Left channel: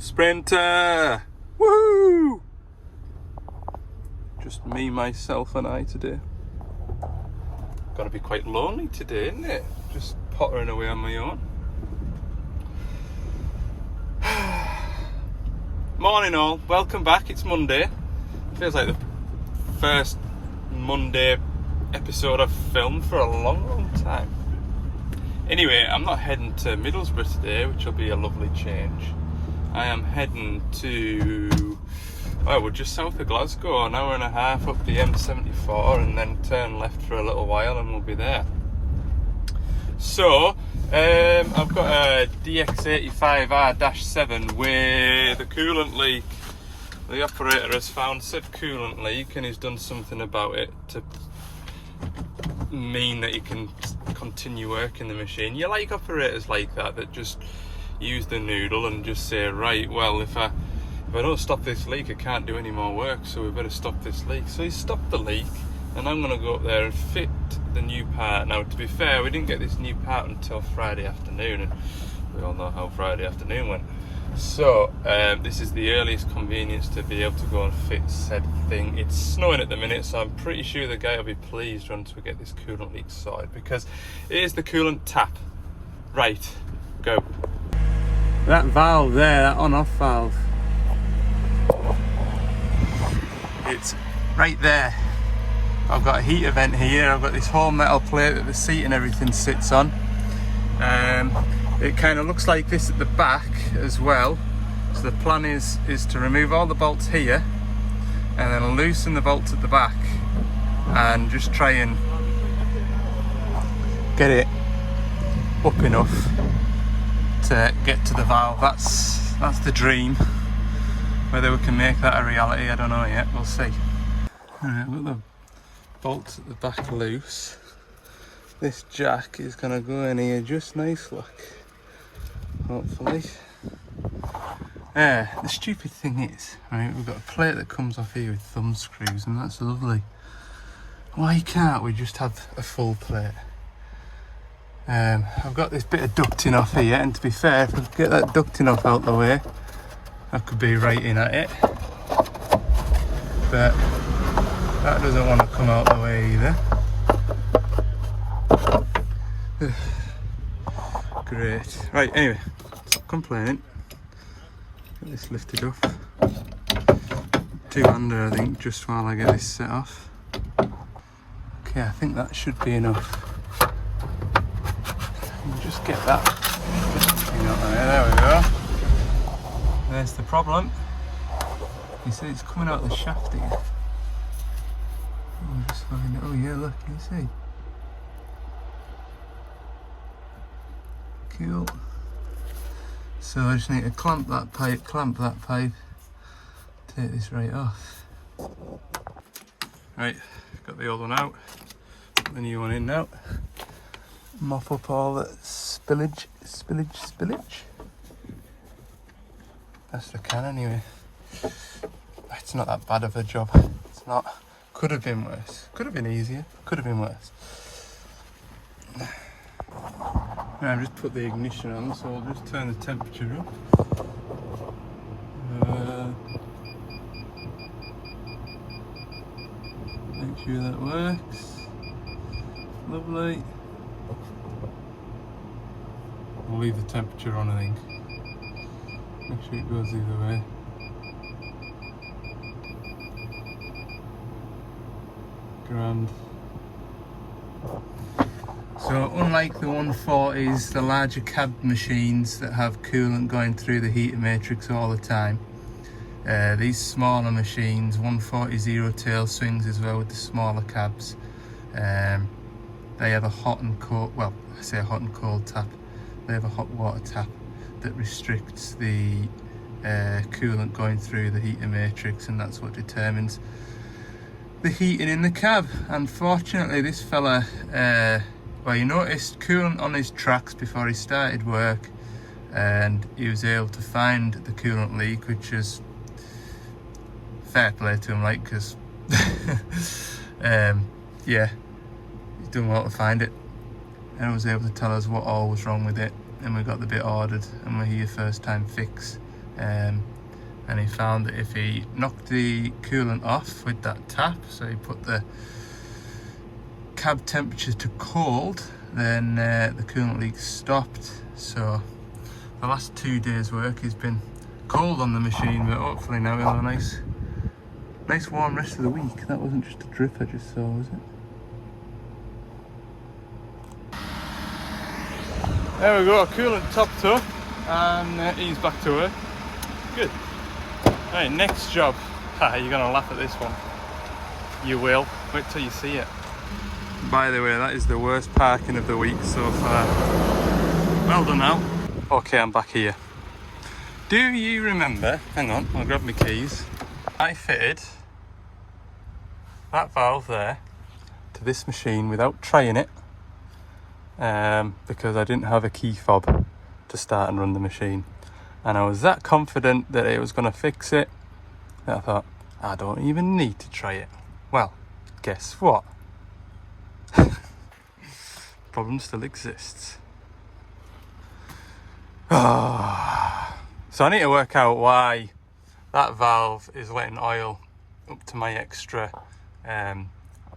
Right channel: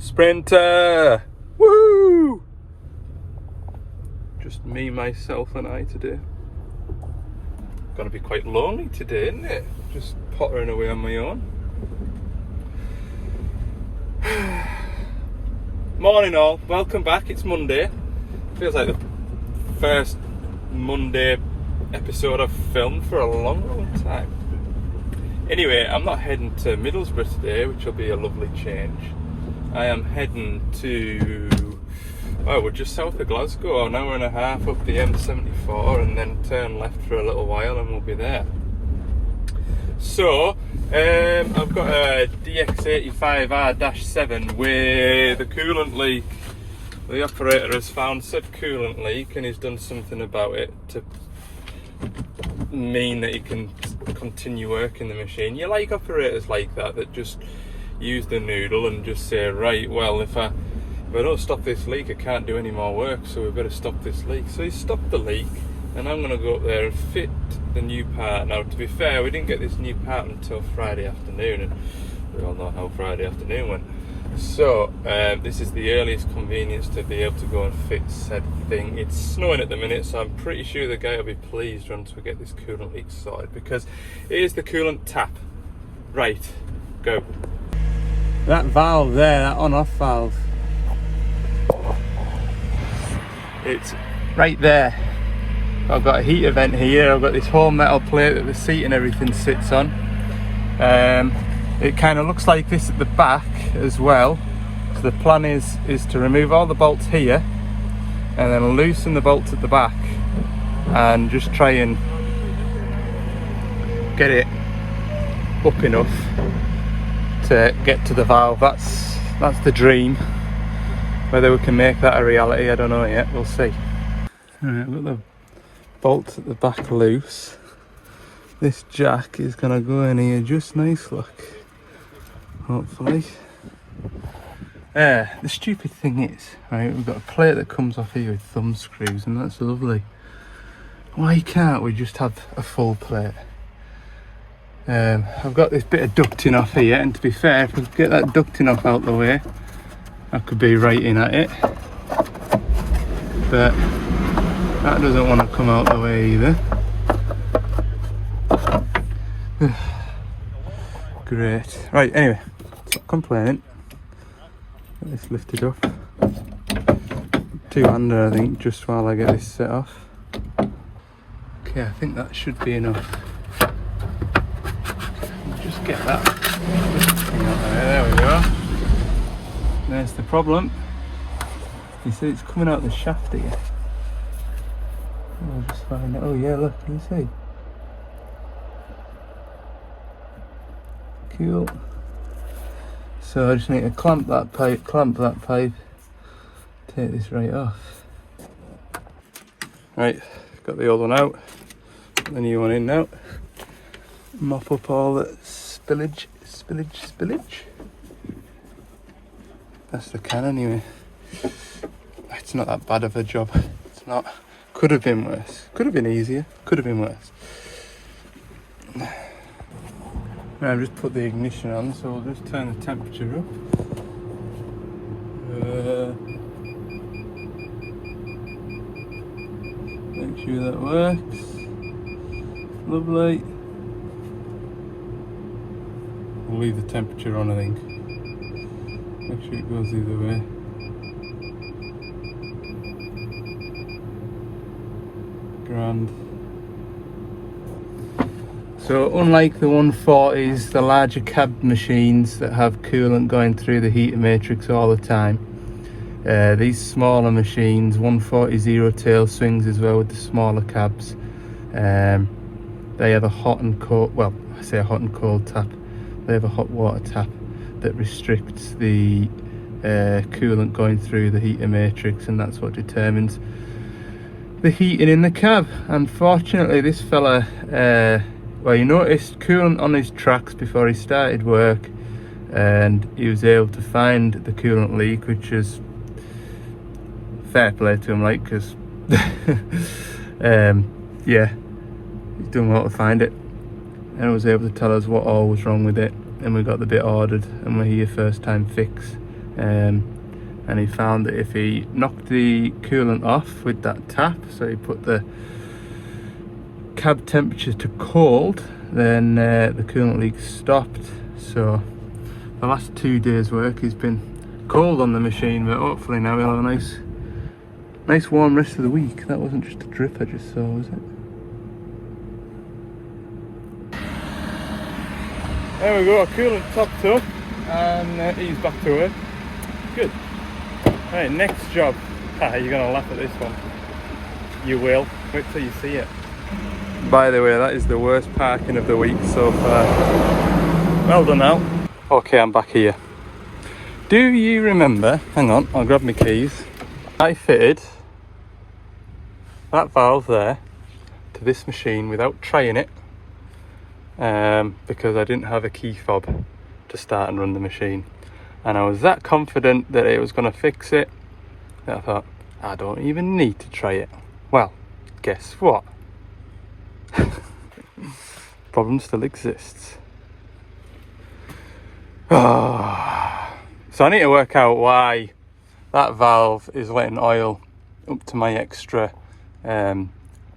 Sprinter! Woohoo! Just me, myself and I today. Gonna be quite lonely today, isn't it? Just pottering away on my own. Morning all, welcome back. It's Monday. Feels like the first Monday episode I've filmed for a long time. Anyway, I'm not heading to Middlesbrough today, which will be a lovely change. I am heading to, we're just south of Glasgow, an hour and a half up the M74 and then turn left for a little while and we'll be there. So, I've got a DX85R-7 with a coolant leak. The operator has found said coolant leak and he's done something about it to mean that he can continue working the machine. You like operators like that just use the noodle and just say, right, well, if I don't stop this leak, I can't do any more work, so we better stop this leak. So he stopped the leak, and I'm going to go up there and fit the new part. Now, to be fair, we didn't get this new part until Friday afternoon, and we all know how Friday afternoon went. So, this is the earliest convenience to be able to go and fit said thing. It's snowing at the minute, so I'm pretty sure the guy will be pleased once we get this coolant leak sorted, because it is the coolant tap. Right, go. That valve there, that on-off valve, it's right there. I've got a heater vent here. I've got this whole metal plate that the seat and everything sits on. It kind of looks like this at the back as well. So the plan is to remove all the bolts here and then loosen the bolts at the back and just try and get it up enough to get to the valve. That's the dream. Whether we can make that a reality, I don't know yet. We'll see. Alright, I've got the bolts at the back loose. This jack is gonna go in here just nice, look. Hopefully. The stupid thing is, right, we've got a plate that comes off here with thumb screws, and that's lovely. Why can't we just have a full plate? I've got this bit of ducting off here, and to be fair, if I could get that ducting off out the way, I could be right in at it. But that doesn't want to come out the way either. Great. Right, anyway, stop complaining. Get this lifted up. Two-hander, I think, just while I get this set off. Okay, I think that should be enough. Just get that thing out there. There we go. There's the problem. You see it's coming out the shaft here. I'll just find it. Oh yeah, look, can you see? Cool. So I just need to clamp that pipe, take this right off. Right, got the old one out, got the new one in now. Mop up all that spillage. That's the can anyway. It's not that bad of a job. It's not. Could have been worse. Could have been easier. Could have been worse. Now I've just put the ignition on, so we'll just turn the temperature up. Make sure that works. Lovely. We'll leave the temperature on, I think. Make sure it goes either way. Grand. So unlike the 140s, the larger cab machines that have coolant going through the heater matrix all the time, these smaller machines, 140 zero tail swings as well with the smaller cabs, they have a hot and cold, well, I say a hot and cold tap. They have a hot water tap that restricts the coolant going through the heater matrix, and that's what determines the heating in the cab. Unfortunately, this fella, well, he noticed coolant on his tracks before he started work, and he was able to find the coolant leak, which is fair play to him, like, because yeah, he's done well to find it, and was able to tell us what all was wrong with it, and we got the bit ordered, and we're here first time fix. and he found that if he knocked the coolant off with that tap, so he put the cab temperature to cold, then the coolant leak stopped. So the last 2 days work has been cold on the machine, but hopefully now we'll have a nice warm rest of the week. That wasn't just a drip I just saw, was it? There we go, coolant topped up, and he's back to work. Good. Right, next job. You're gonna laugh at this one. You will. Wait till you see it. By the way, that is the worst parking of the week so far. Well done now. Okay, I'm back here. Do you remember, hang on, I'll grab my keys. I fitted that valve there to this machine without trying it, because I didn't have a key fob to start and run the machine. And I was that confident that it was going to fix it that I thought, I don't even need to try it. Well, guess what? Problem still exists. So I need to work out why that valve is letting oil up to my extra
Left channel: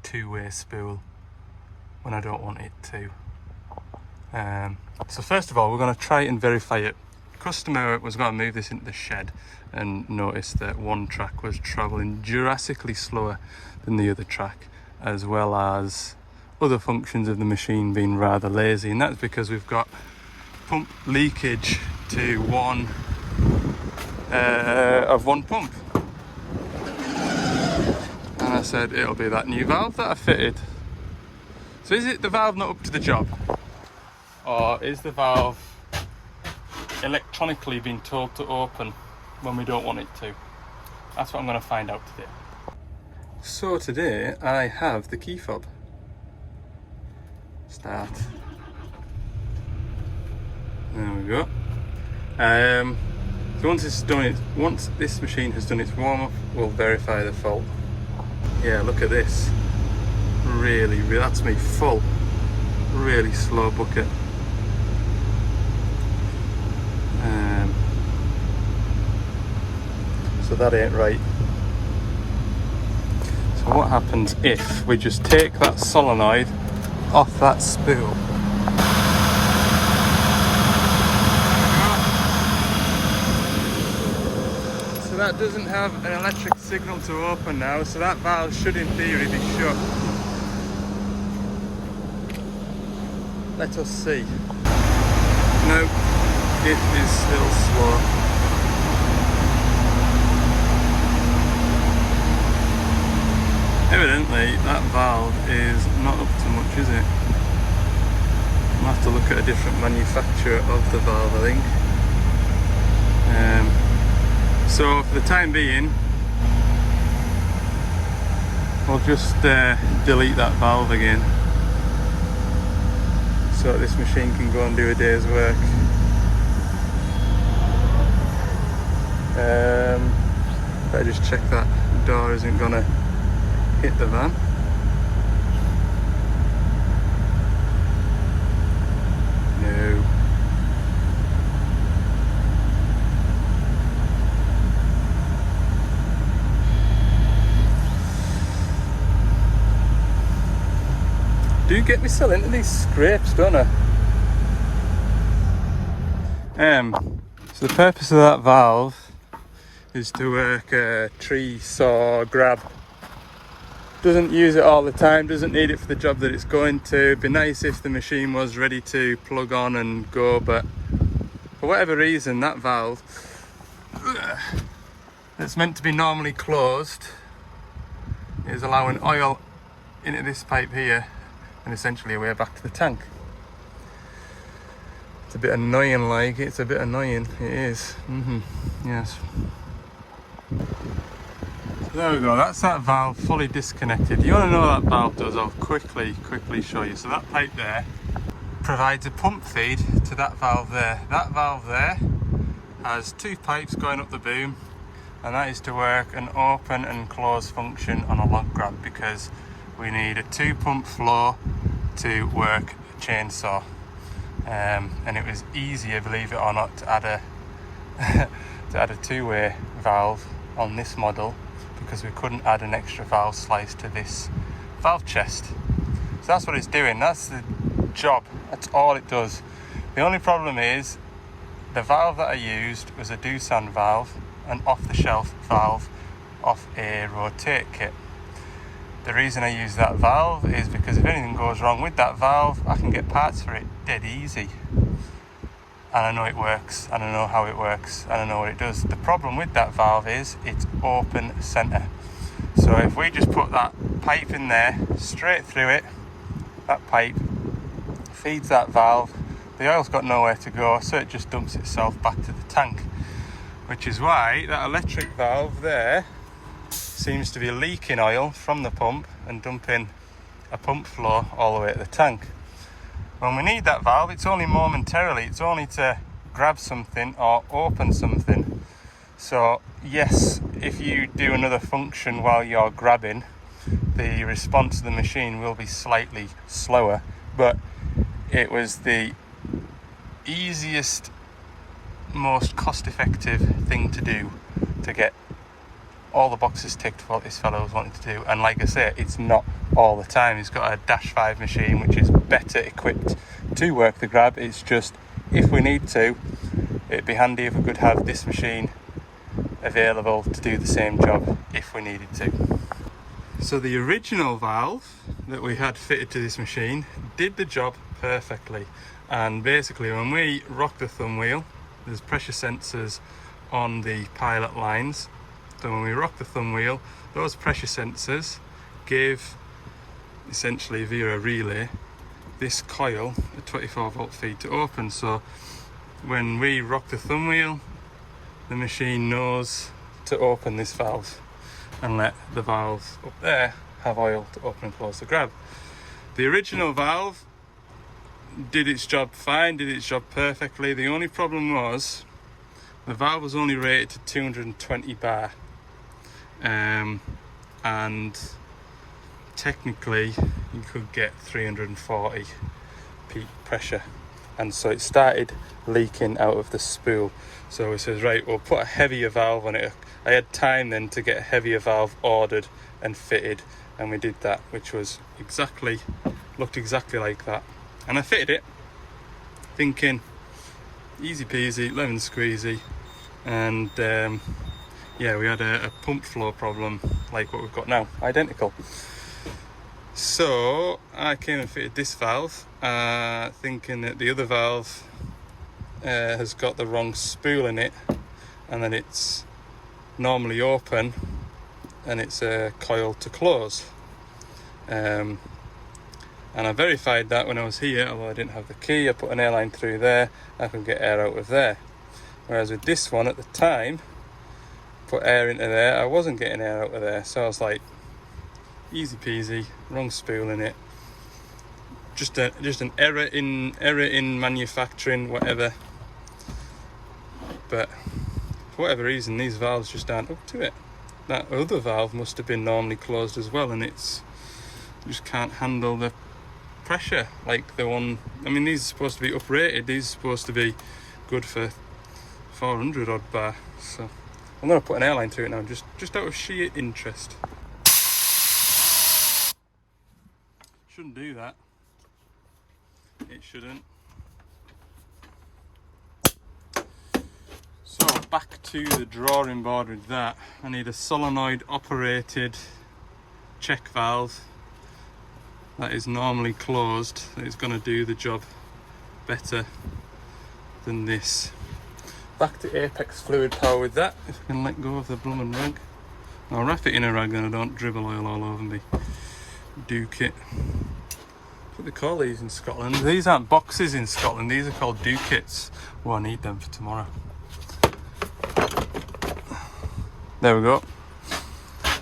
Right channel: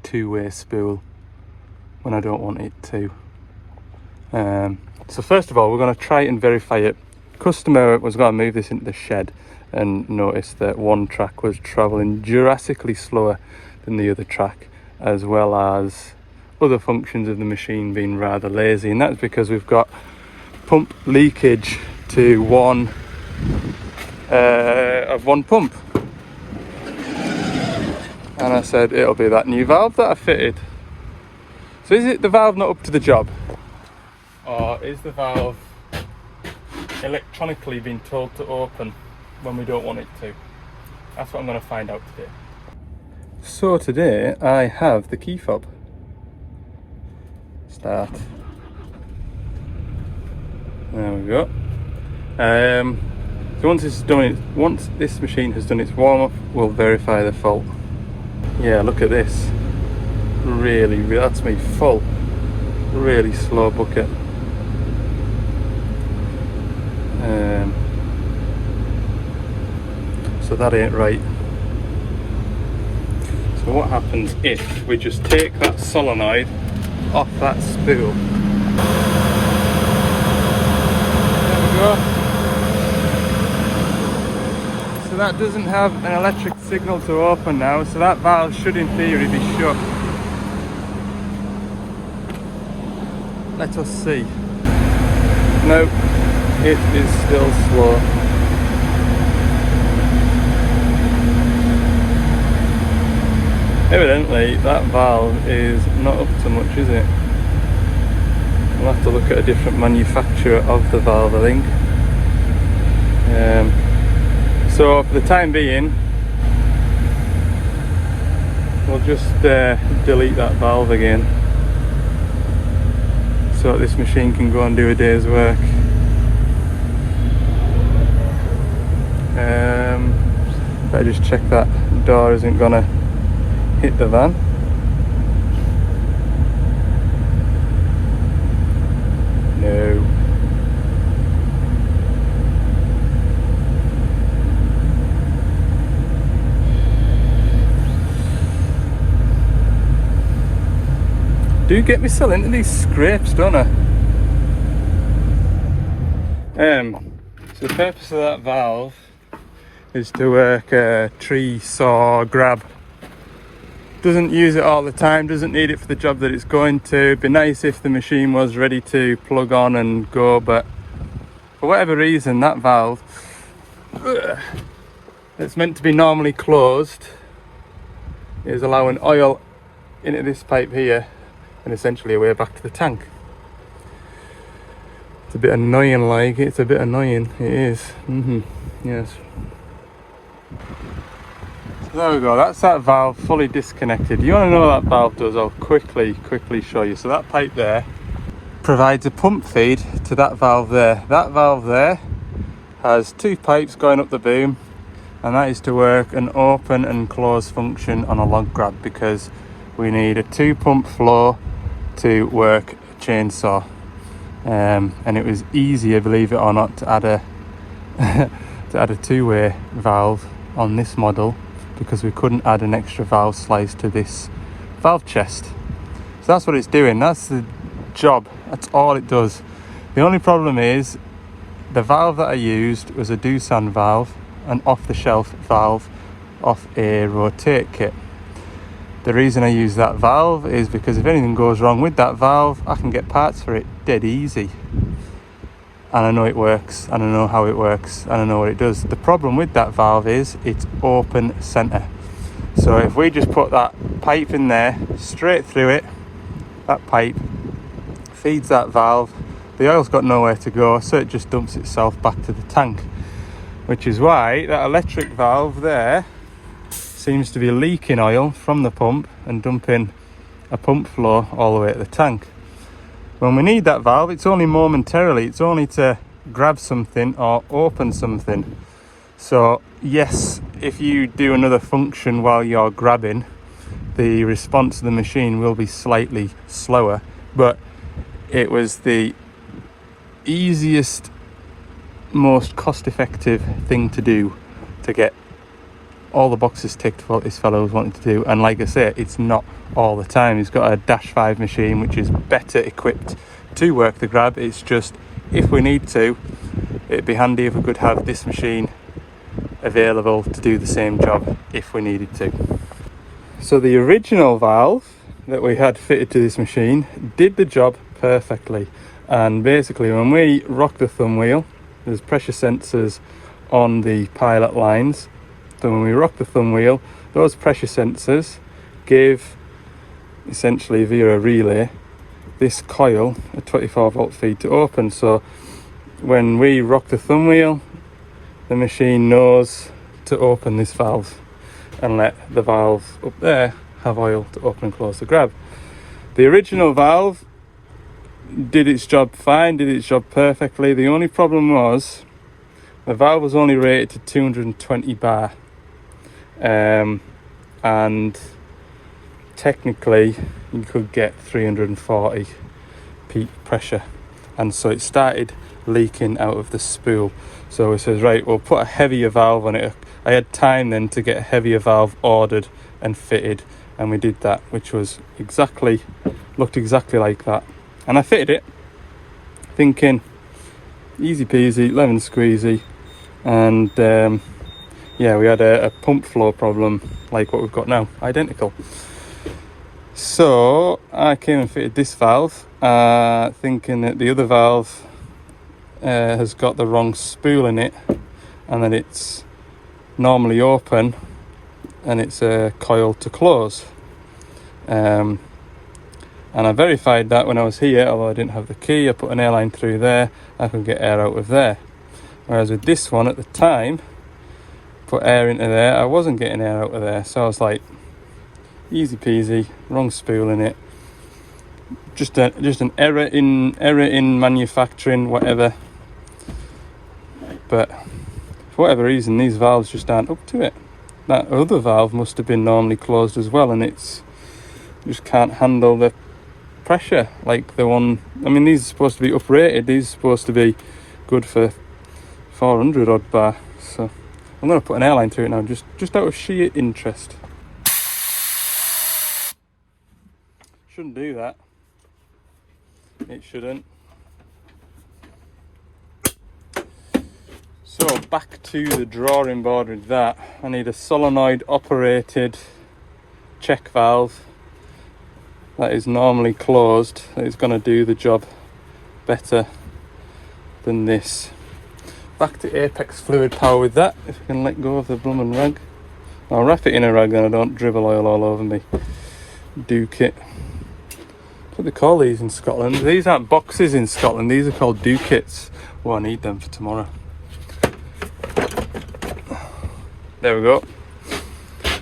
two-way spool when I don't want it to. So first of all, we're going to try and verify it. Customer was going to move this into the shed and noticed that one track was travelling drastically slower than the other track, as well as other functions of the machine being rather lazy, and that's because we've got pump leakage to one pump. And I said it'll be that new valve that I fitted. So is it the valve not up to the job, or is the valve electronically being told to open when we don't want it to? That's what I'm going to find out today. So today I have the key fob. Start. There we go. So once this machine has done its warm up, we'll verify the fault. Yeah, look at this. Really, that's me full. Really slow bucket. So that ain't right. So what happens if we just take that solenoid off that spool? There we go. So that doesn't have an electric signal to open now, so that valve should in theory be shut. Let us see. No, it is still slow. Evidently that valve is not up to much, is it? We'll have to look at a different manufacturer of the valve, I think. So for the time being, we'll just delete that valve again, so this machine can go and do a day's work. I just check that door isn't gonna hit the van. No. Do get me still into these scrapes, don't I? So the purpose of that valve is to work a tree saw grab. Doesn't use it all the time, doesn't need it for the job that it's going to. It'd be nice if the machine was ready to plug on and go, but for whatever reason that valve that's meant to be normally closed is allowing oil into this pipe here and essentially away back to the tank. It's a bit annoying, like, it's a bit annoying, it is. Yes. There we go, that's that valve fully disconnected. You want to know what that valve does? I'll quickly show you. So that pipe there provides a pump feed to that valve there. That valve there has two pipes going up the boom, and that is to work an open and close function on a log grab, because we need a 2-pump flow to work a chainsaw. And it was easier, believe it or not, to add a to add a two-way valve on this model because we couldn't add an extra valve slice to this valve chest. So that's what it's doing, that's the job, that's all it does. The only problem is the valve that I used was a Doosan valve, an off-the-shelf valve off a rotate kit. The reason I use that valve is because if anything goes wrong with that valve, I can get parts for it dead easy. And I know it works, and I know how it works, and I know what it does. The problem with that valve is it's open center. So if we just put that pipe in there, straight through it, that pipe feeds that valve, the oil's got nowhere to go, so it just dumps itself back to the tank. Which is why that electric valve there seems to be leaking oil from the pump and dumping a pump flow all the way to the tank. When we need that valve, it's only momentarily, it's only to grab something or open something. So yes, if you do another function while you're grabbing, the response of the machine will be slightly slower, but it was the easiest, most cost-effective thing to do to get all the boxes ticked for what this fellow was wanting to do. And like I say, it's not all the time. He's got a Dash 5 machine which is better equipped to work the grab. It's just, if we need to, it'd be handy if we could have this machine available to do the same job if we needed to. So the original valve that we had fitted to this machine did the job perfectly, and basically when we rock the thumb wheel, there's pressure sensors on the pilot lines. So when we rock the thumb wheel, those pressure sensors give, essentially via a relay, this coil a 24 volt feed to open. So when we rock the thumb wheel, the machine knows to open this valve and let the valve up there have oil to open and close the grab. The original valve did its job fine, did its job perfectly. The only problem was the valve was only rated to 220 bar. And technically you could get 340 peak pressure, and so it started leaking out of the spool. So it says, right, we'll put a heavier valve on it. I had time then to get a heavier valve ordered and fitted, and we did that, which was looked exactly like that. And I fitted it thinking easy peasy, lemon squeezy, and yeah, we had a pump flow problem like what we've got now, identical. So I came and fitted this valve, thinking that the other valve has got the wrong spool in it, and that it's normally open and it's a coil to close. And I verified that when I was here, although I didn't have the key. I put an airline through there, I could get air out of there. Whereas with this one at the time, put air into there, I wasn't getting air out of there. So I was like, easy peasy, wrong spool in it. Just an error in manufacturing, whatever. But for whatever reason, these valves just aren't up to it. That other valve must have been normally closed as well, and it's just can't handle the pressure like the one. I mean, these are supposed to be uprated, these are supposed to be good for 400 odd bar. So I'm going to put an airline through it now, just out of sheer interest. Shouldn't do that. It shouldn't. So back to the drawing board with that. I need a solenoid operated check valve that is normally closed, that is going to do the job better than this. Back to Apex fluid power with that. If I can let go of the bloomin' rag. I'll wrap it in a rag then I don't dribble oil all over me. Duke it. That's what they call these in Scotland. These aren't boxes in Scotland, these are called dukits. Oh, I need them for tomorrow. There we go.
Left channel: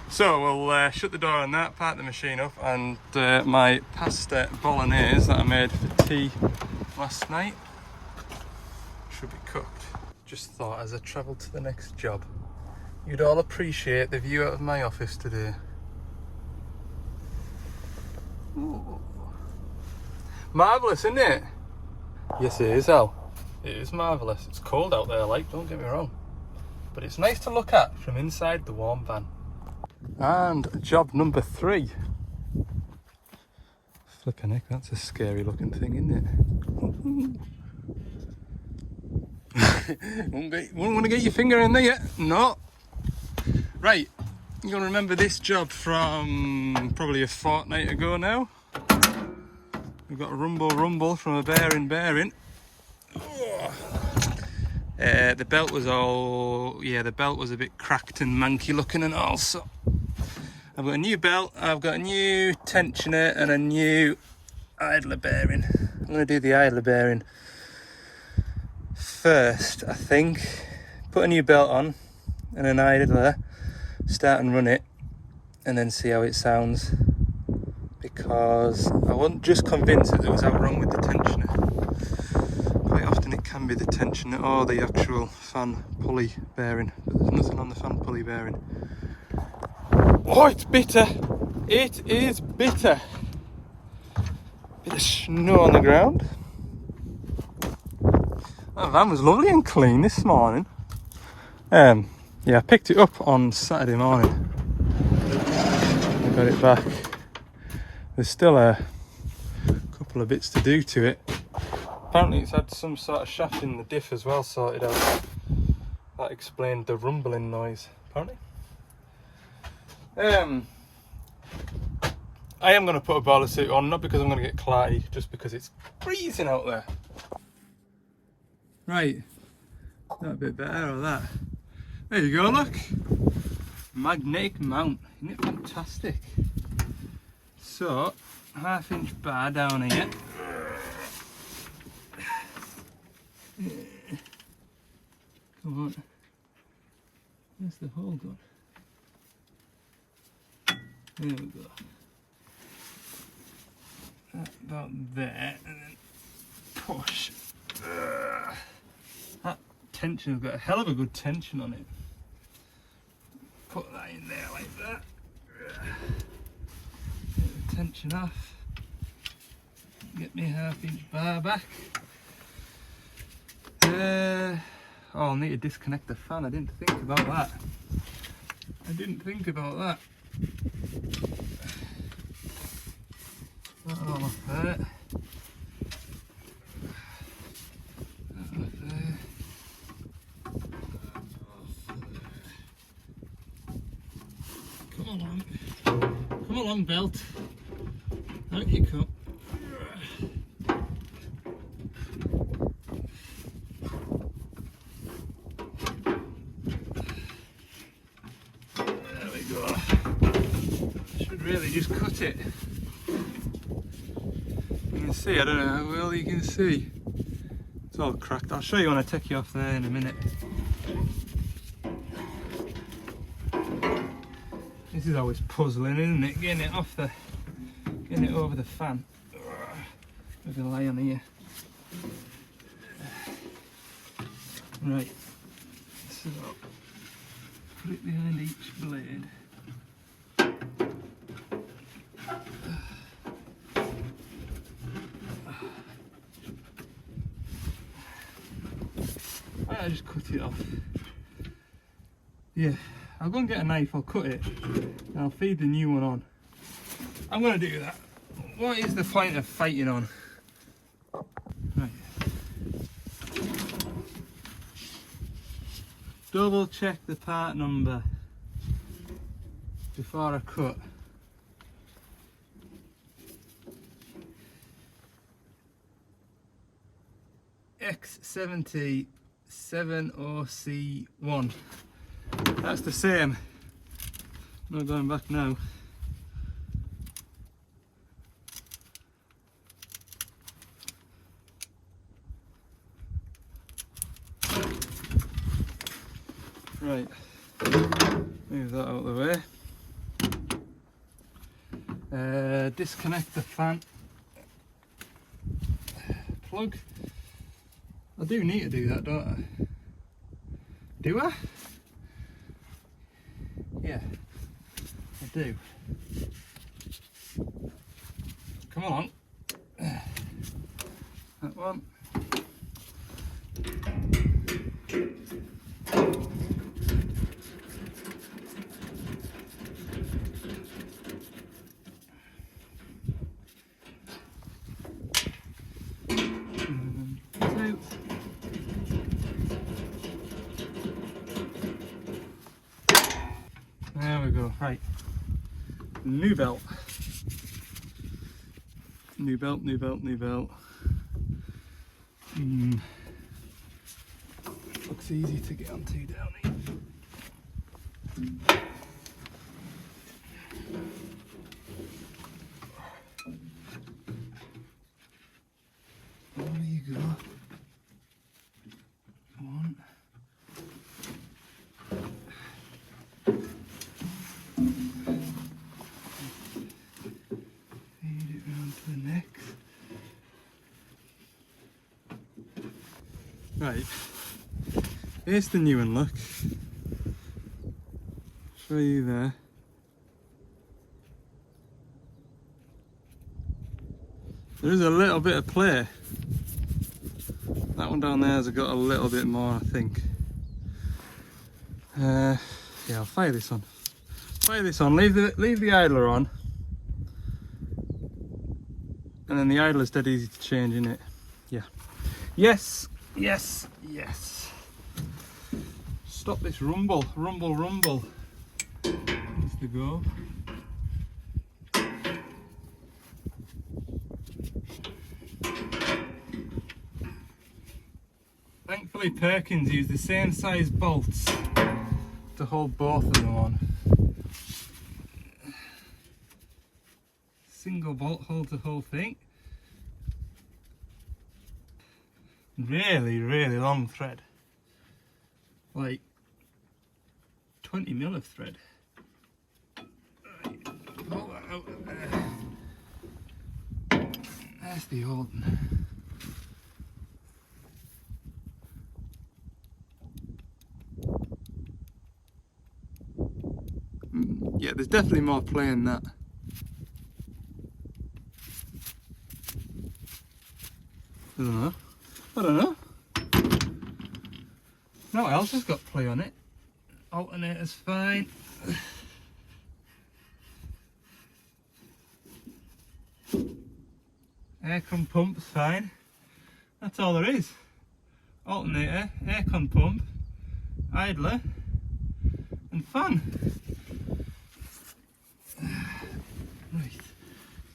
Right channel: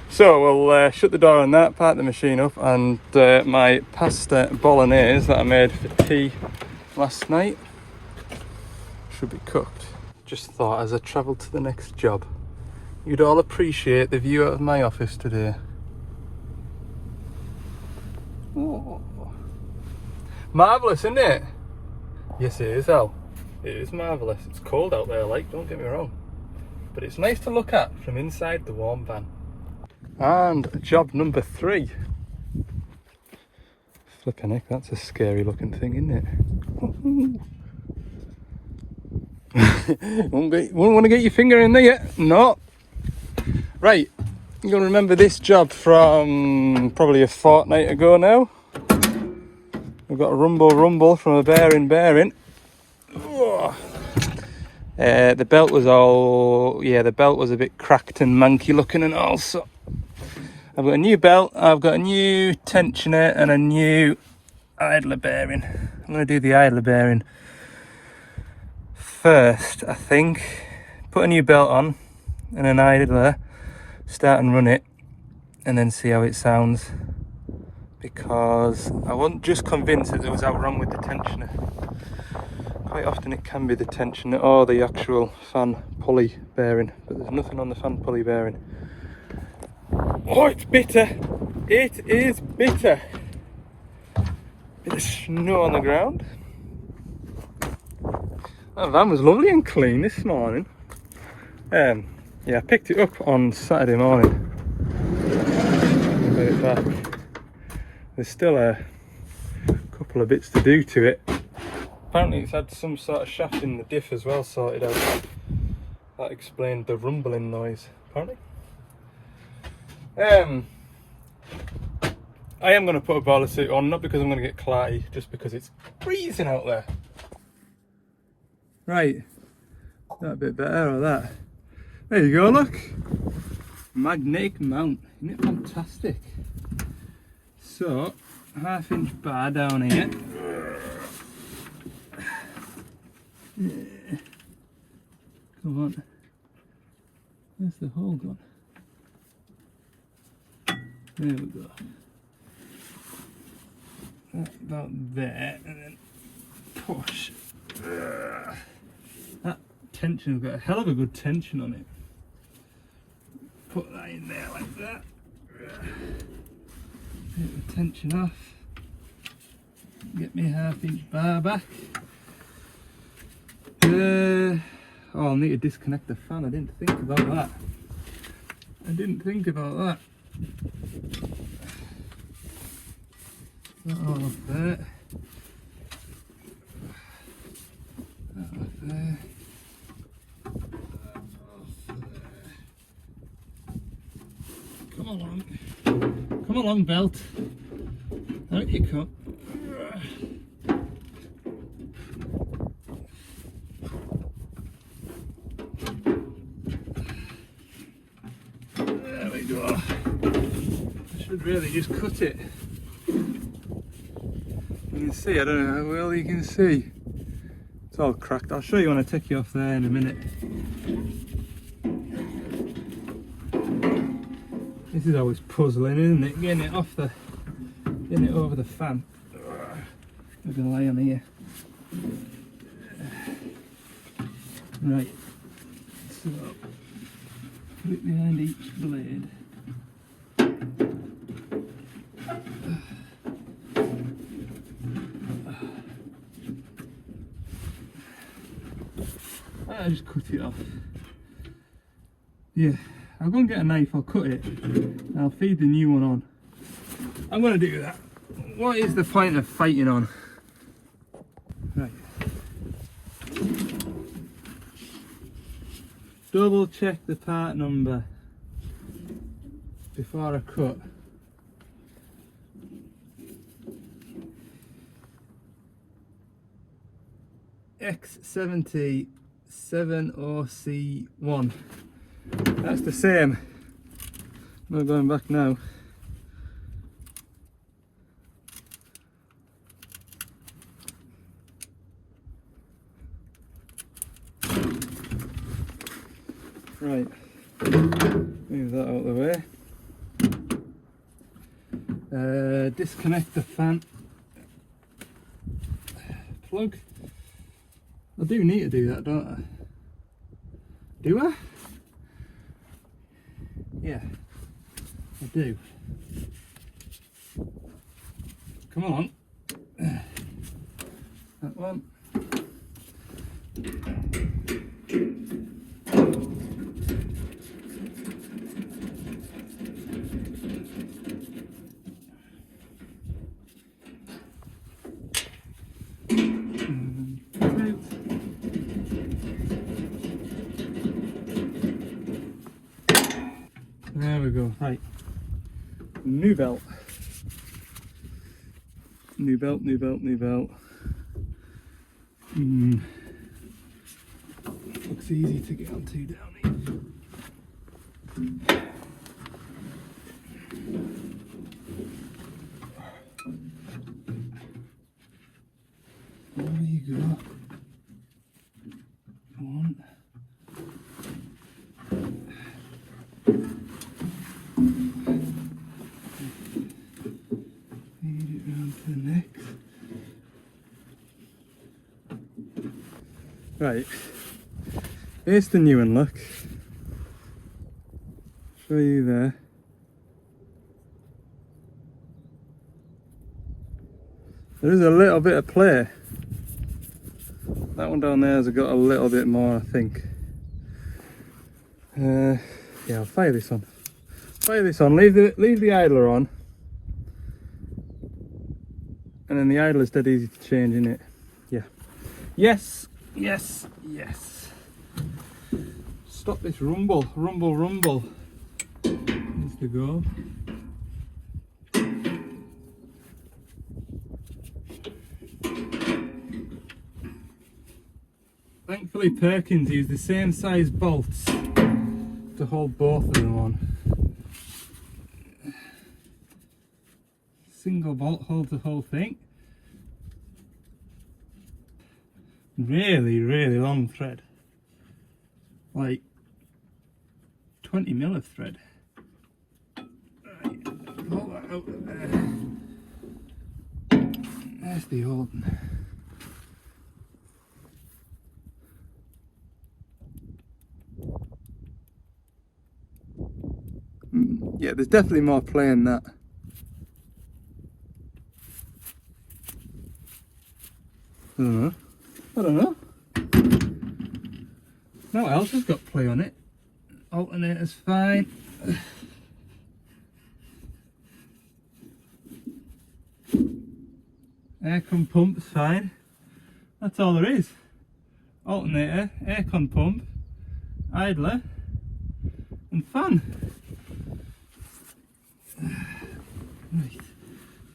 So we'll shut the door on that, park the machine up, and my pasta bolognese that I made for tea last night should be cooked. Just thought as I travelled to the next job, you'd all appreciate the view out of my office today. Oh. Marvellous, isn't it? Yes, it is, Al. It is marvellous. It's cold out there, like, don't get me wrong. but it's nice to look at from inside the warm van. And job number 3. Flipping heck, that's a scary looking thing, isn't it? Wouldn't want to get your finger in there. No. Right, you'll remember this job from probably a fortnight ago now. We've got a rumble from a bearing. The belt was the belt was a bit cracked and manky looking, and also I've got a new belt, I've got a new tensioner and a new idler bearing. I'm going to do the idler bearing first, I think. Put a new belt on and an idler, start and run it, and then see how it sounds, because I wasn't just convinced that there was out wrong with the tensioner. Quite often it can be the tensioner or the actual fan pulley bearing, but there's nothing on the fan pulley bearing. Oh, it's bitter. It is bitter. Bit of snow on the ground. That van was lovely and clean this morning. Yeah, I picked it up on Saturday morning and got it back. There's still a couple of bits to do to it. Apparently it's had some sort of shaft in the diff as well sorted out. That explained the rumbling noise, apparently. I am going to put a boiler suit on, not because I'm going to get clarty, just because it's freezing out there. Right, that a bit better, or that? There you go, look. Magnetic mount, isn't it fantastic? So, 1/2 inch bar down here. Come on. Where's the hole gone? There we go. About there, and then push. That tension's got a hell of a good tension on it. Put that in there like that. Get the tension off. Get me 1/2 inch bar back. Oh, I'll need to disconnect the fan. I didn't think about that. That all off there. That off there. Come along. Come along, belt. Out you come. Really just cut it. You can see, I don't know how well you can see. It's all cracked. I'll show you when I take you off there in a minute. This is always puzzling, isn't it? Getting it over the fan. I'm gonna lie on here. Right. So put it behind each blade. I just cut it off. Yeah, I'll go and get a knife, I'll cut it, and I'll feed the new one on. I'm going to do that. What is the point of fighting on? Right. Double check the part number before I cut. X70 7OC1. That's the same. I'm not going back now. Right, move that out of the way. Disconnect the fan plug. I do need to do that, don't I? Do I? Yeah, I do. Come on. That one. There we go. Right. New belt. New belt, new belt, new belt. Looks easy to get onto down here. There you go. One. Feed it round to the next. Right. Here's the new one, look. Show you there. There is a little bit of play. That one down there has got a little bit more, I think. Yeah, I'll fire this on. Fire this on. Leave the idler on, and then the idler's dead easy to change, isn't it? Yeah. Yes. Yes. Yes. Stop this rumble. Rumble. Rumble. There's the go. Thankfully Perkins used the same size bolts to hold both of them on. Single bolt holds the whole thing. Really, really long thread. Like 20 mil of thread. Right, pull that out of there. There's the old one. Yeah, there's definitely more play in that. I don't know. I don't know. Now what else has got play on it? Alternator's fine. Aircon pump's fine. That's all there is. Alternator, aircon pump, idler, and fan. Right,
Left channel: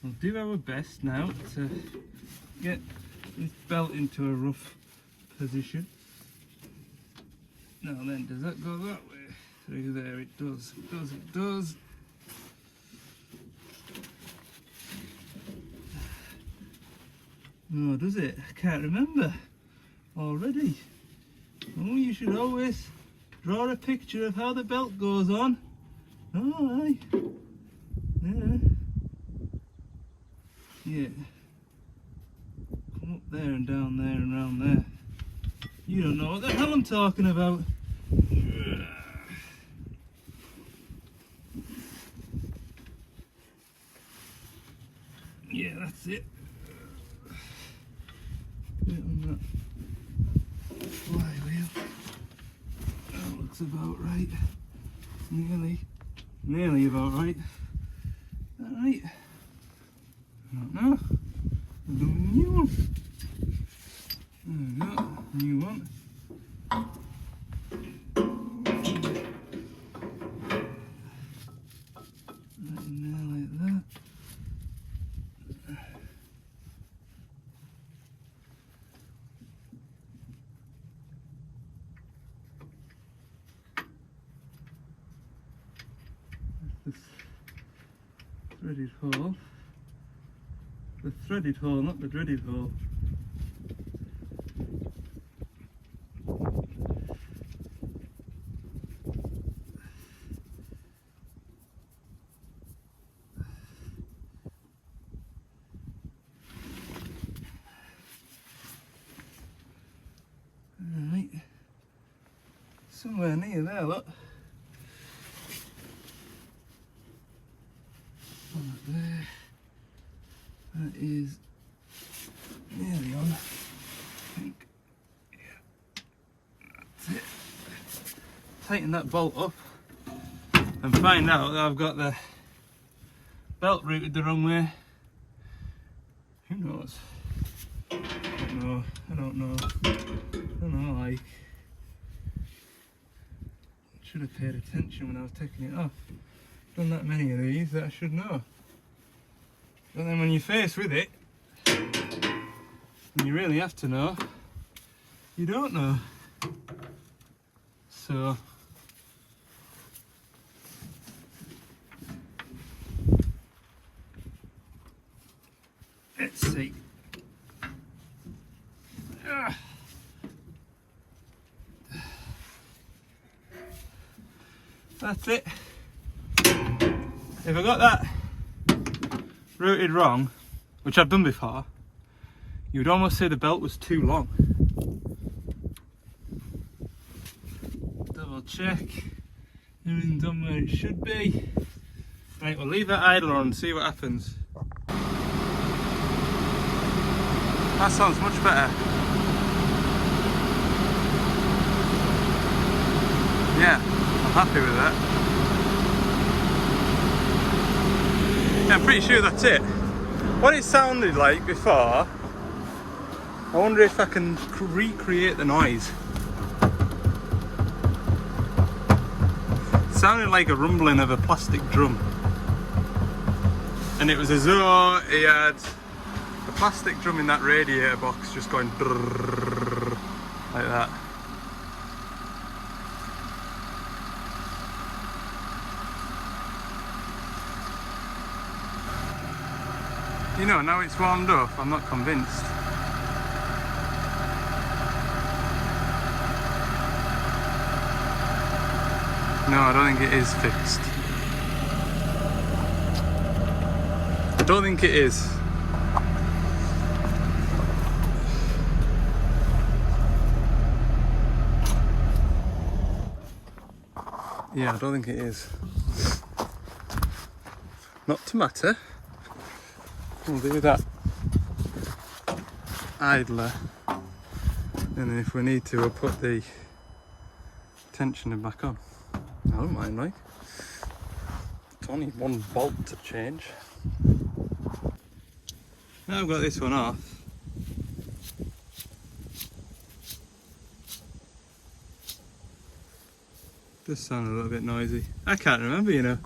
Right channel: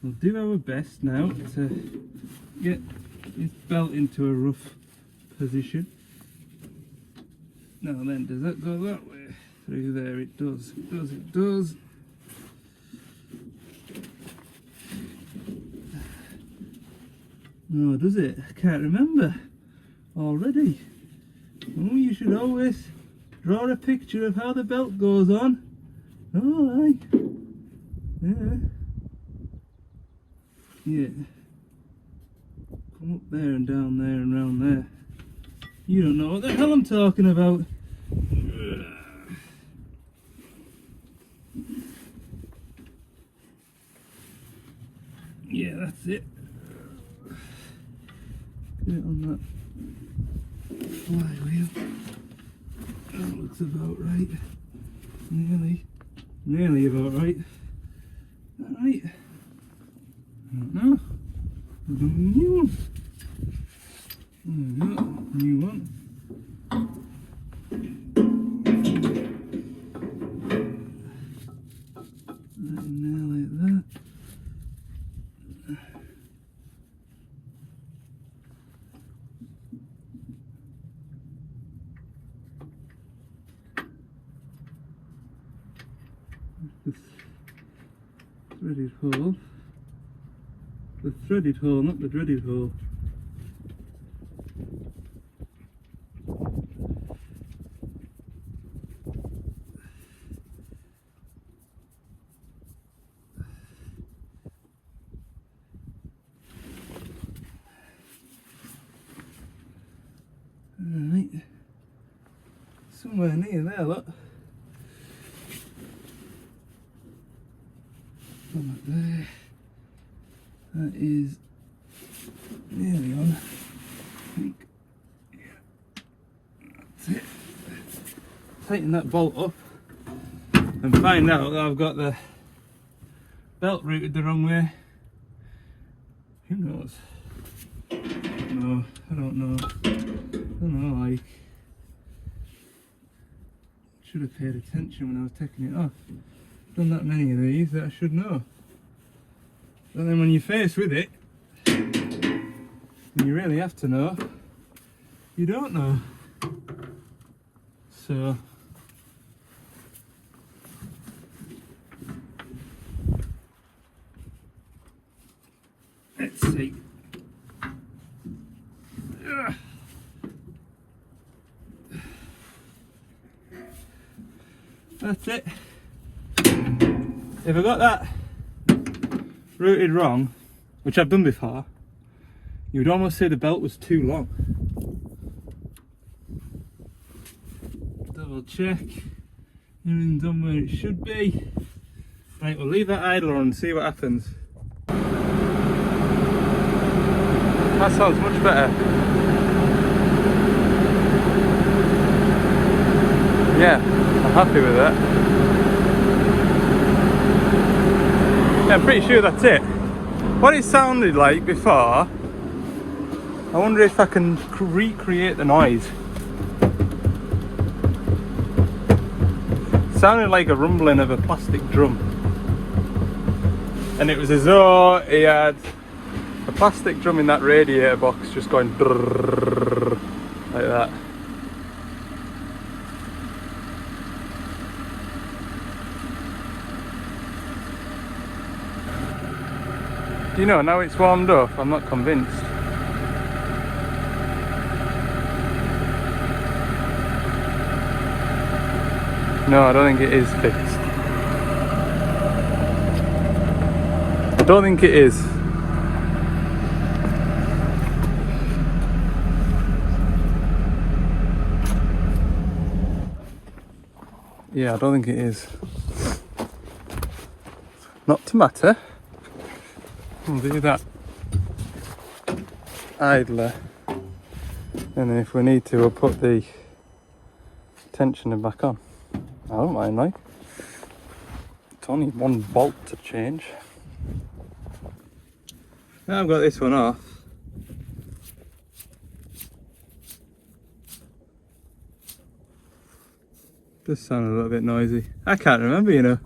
we'll do our best now to get this belt into a rough position. Now then, does that go that way? Through there, it does, it does, it does. No, does it? I can't remember already. Oh, you should always draw a picture of how the belt goes on. Oh, aye. Yeah. Yeah. Come up there and down there and round there. You don't know what the hell I'm talking about. Yeah, that's it. Put it on that flywheel. That looks about right. Nearly about right. Alright. I don't know. New one. There we go. New one. Right in there like that. This threaded hole. The threaded hole, not the dreaded hole. Alright, somewhere near there, look. One up there. That is nearly on, I think. Yeah, that's it. Tighten that bolt up and find out that I've got the belt routed the wrong way. Who knows? No, I don't know. I don't know, like, Should have paid attention when I was taking it off. Done that many of these that I should know. But then when you're faced with it, and you really have to know, you don't know. So let's see. Ugh. That's it. If I got that routed wrong, which I've done before, you would almost say the belt was too long. Double check, everything done where it should be. Right, we'll leave that idler and see what happens. That sounds much better. Yeah, I'm happy with that. Yeah, I'm pretty sure that's it. What it sounded like before, I wonder if I can recreate the noise. It sounded like a rumbling of a plastic drum. And it was as though he had a plastic drum in that radiator box just going drrrr, like that. You know, now it's warmed up, I'm not convinced. No, I don't think it is fixed. I don't think it is. Yeah, I don't think it is. Not to matter. Do that idler, and then if we need to, we'll put the tensioner back on. I don't mind, like. It's only one bolt to change. Now I've got this one off. Does sound a little bit noisy. I can't remember, you know.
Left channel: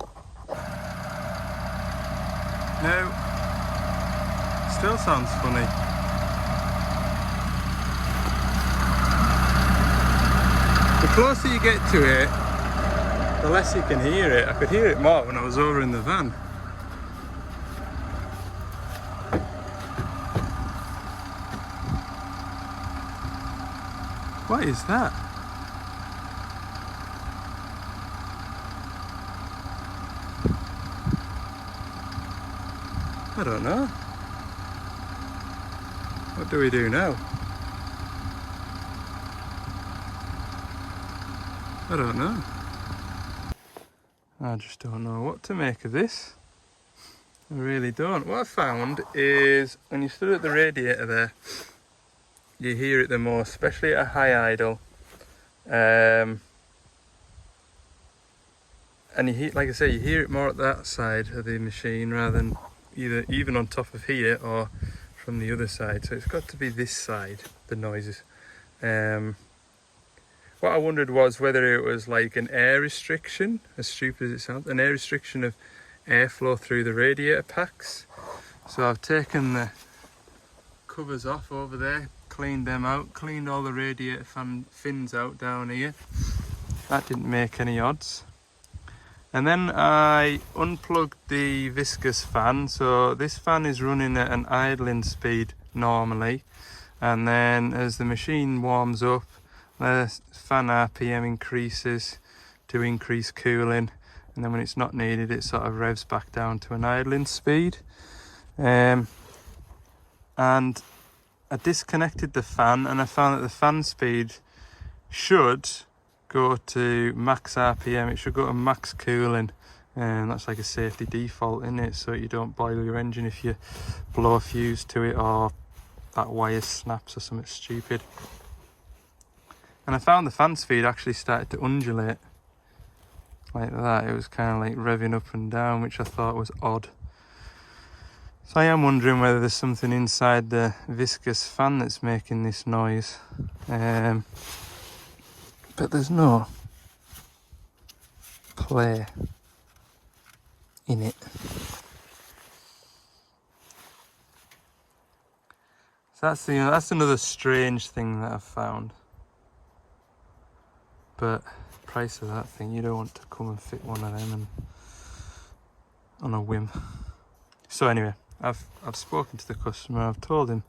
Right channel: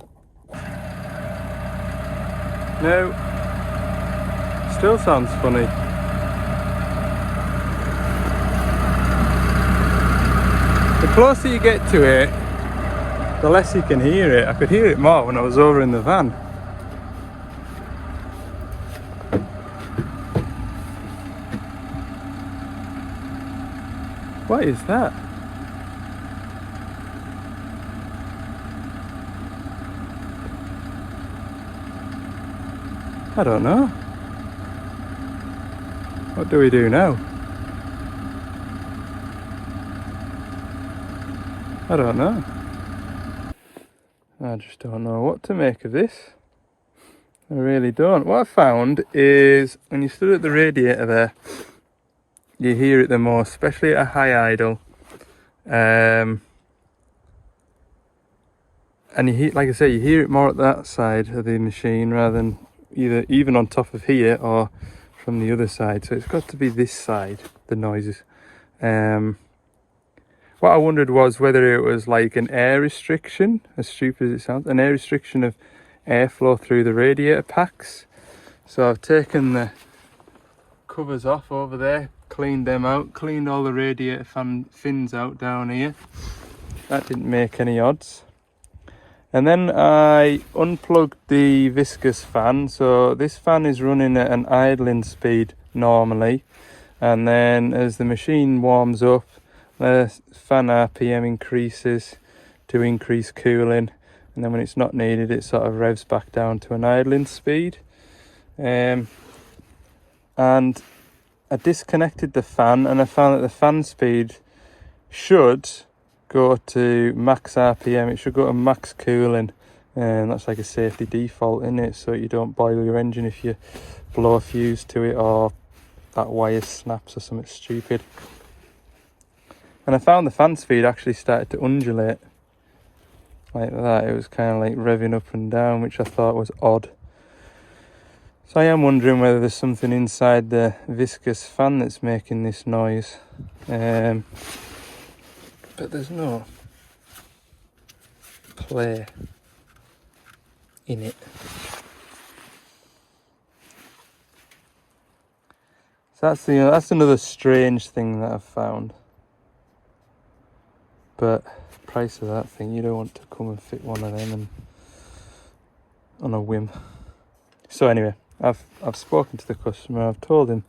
No. Still sounds funny. The closer you get to it, the less you can hear it. I could hear it more when I was over in the van. What is that? I don't know. What do we do now? I don't know. I just don't know what to make of this. I really don't. What I found is when you stood at the radiator there, you hear it the most, especially at a high idle. And you hear, like I say, you hear it more at that side of the machine rather than even on top of here or from the other side. So it's got to be this side, the noises. What I wondered was whether it was like an air restriction, as stupid as it sounds, an air restriction of airflow through the radiator packs. So I've taken the covers off over there, cleaned them out, cleaned all the radiator fan fins out down here. That didn't make any odds. And then I unplugged the viscous fan. So this fan is running at an idling speed normally, and then as the machine warms up, the fan RPM increases to increase cooling, and then when it's not needed, it sort of revs back down to an idling speed. And I disconnected the fan, and I found that the fan speed should go to max RPM. It should go to max cooling, and that's like a safety default in it, so you don't boil your engine if you blow a fuse to it or that wire snaps or something stupid. And I found the fan speed actually started to undulate like that. It was kind of like revving up and down, which I thought was odd. So I am wondering whether there's something inside the viscous fan that's making this noise. But there's no. play in it. So that's another strange thing that I've found. But price of that thing, you don't want to come and fit one of them and on a whim. So anyway, I've spoken to the customer. I've told him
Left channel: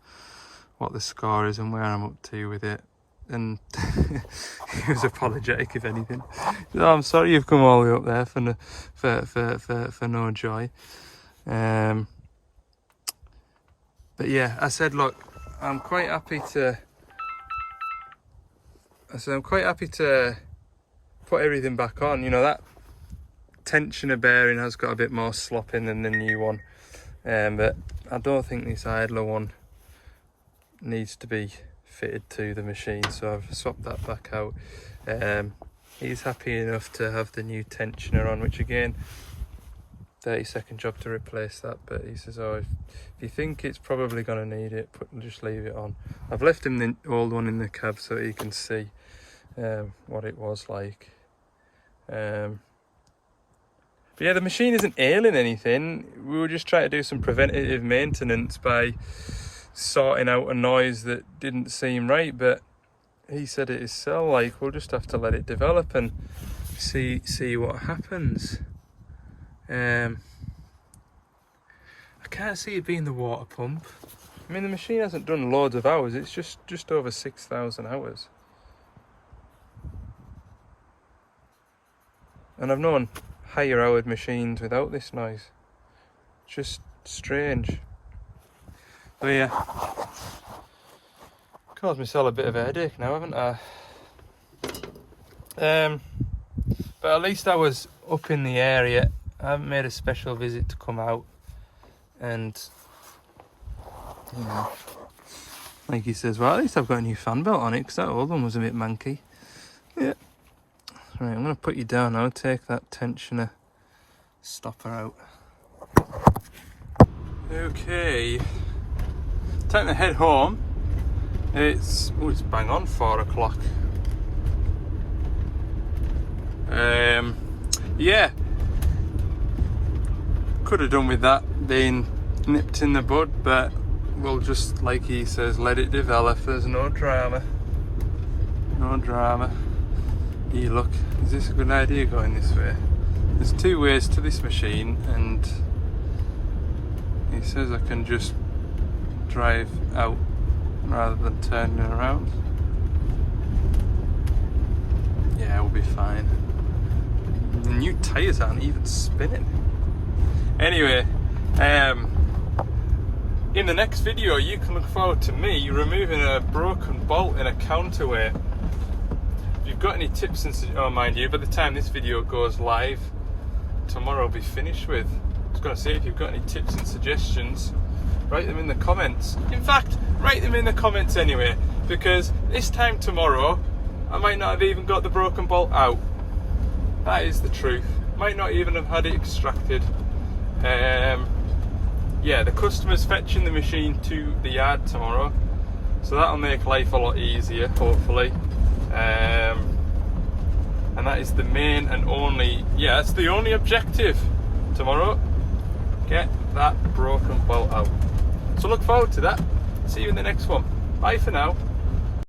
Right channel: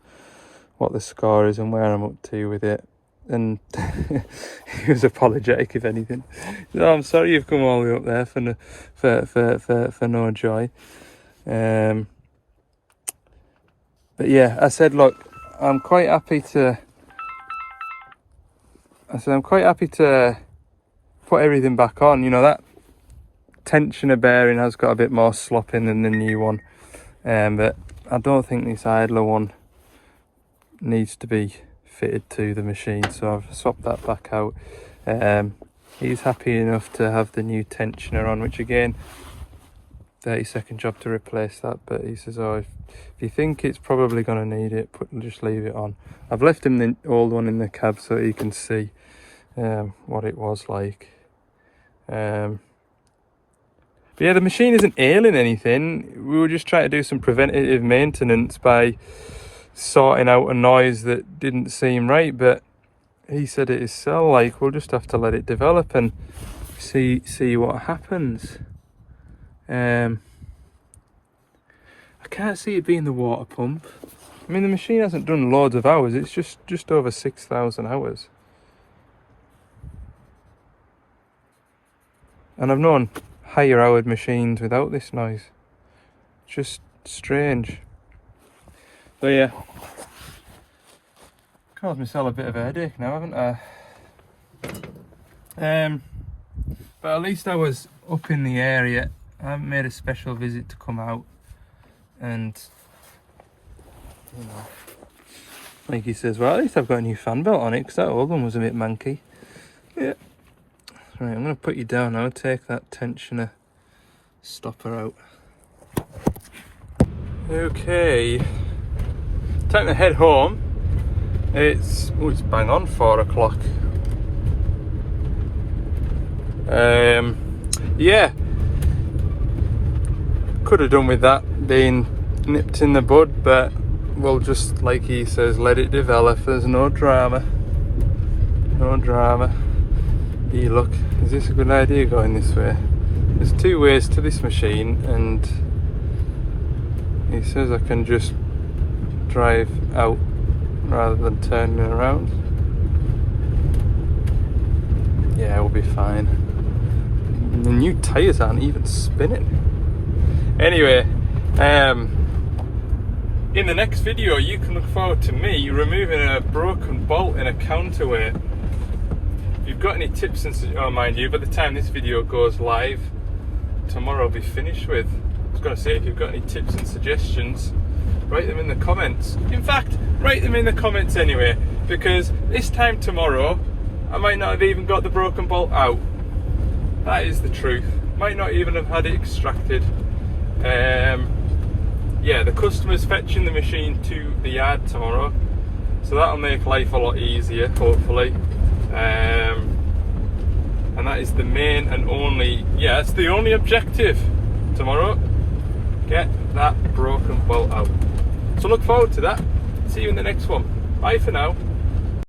what the score is and where I'm up to with it, and he was apologetic, if anything. He said, "Oh, I'm sorry you've come all the way up there for no joy." But yeah, I said, look, I'm quite happy to put everything back on. You know, that tensioner bearing has got a bit more slop in than the new one, but I don't think this idler one needs to be fitted to the machine, so I've swapped that back out. He's happy enough to have the new tensioner on, which again, 30-second job to replace that, but he says, oh, if you think it's probably going to need it, just leave it on. I've left him the old one in the cab so he can see what it was like. But yeah, the machine isn't ailing anything. We were just trying to do some preventative maintenance by sorting out a noise that didn't seem right, but he said it is cell like. We'll just have to let it develop and see what happens. I can't see it being the water pump. I mean, the machine hasn't done loads of hours. It's just over 6,000 hours. And I've known higher hour machines without this noise. Just strange. So yeah, caused myself a bit of a headache now, haven't I? But at least I was up in the area. I haven't made a special visit to come out and, you know, like he says, well, at least I've got a new fan belt on it, because that old one was a bit manky. Yeah. Right, I'm going to put you down now, take that tensioner stopper out. Okay, time to head home. It's bang on 4 o'clock. Yeah, could have done with that being nipped in the bud, but we'll just, like he says, let it develop. There's no drama. No drama. Hey, look, is this a good idea going this way? There's 2 ways to this machine, and he says I can just drive out rather than turning around. Yeah, we'll be fine. The new tyres aren't even spinning. Anyway, in the next video you can look forward to me removing a broken bolt in a counterweight. If you've got any tips and oh, mind you, by the time this video goes live, tomorrow I'll be finished with. I was going to say, if you've got any tips and suggestions, write them in the comments. In fact, write them in the comments anyway, because this time tomorrow I might not have even got the broken bolt out. That is the truth. Might not even have had it extracted. Yeah, the customer's fetching the machine to the yard tomorrow, so that'll make life a lot easier, hopefully. And that is the main and only, yeah, that's the only objective tomorrow. Get that broken bolt out. So look forward to that. See you in the next one. Bye for now.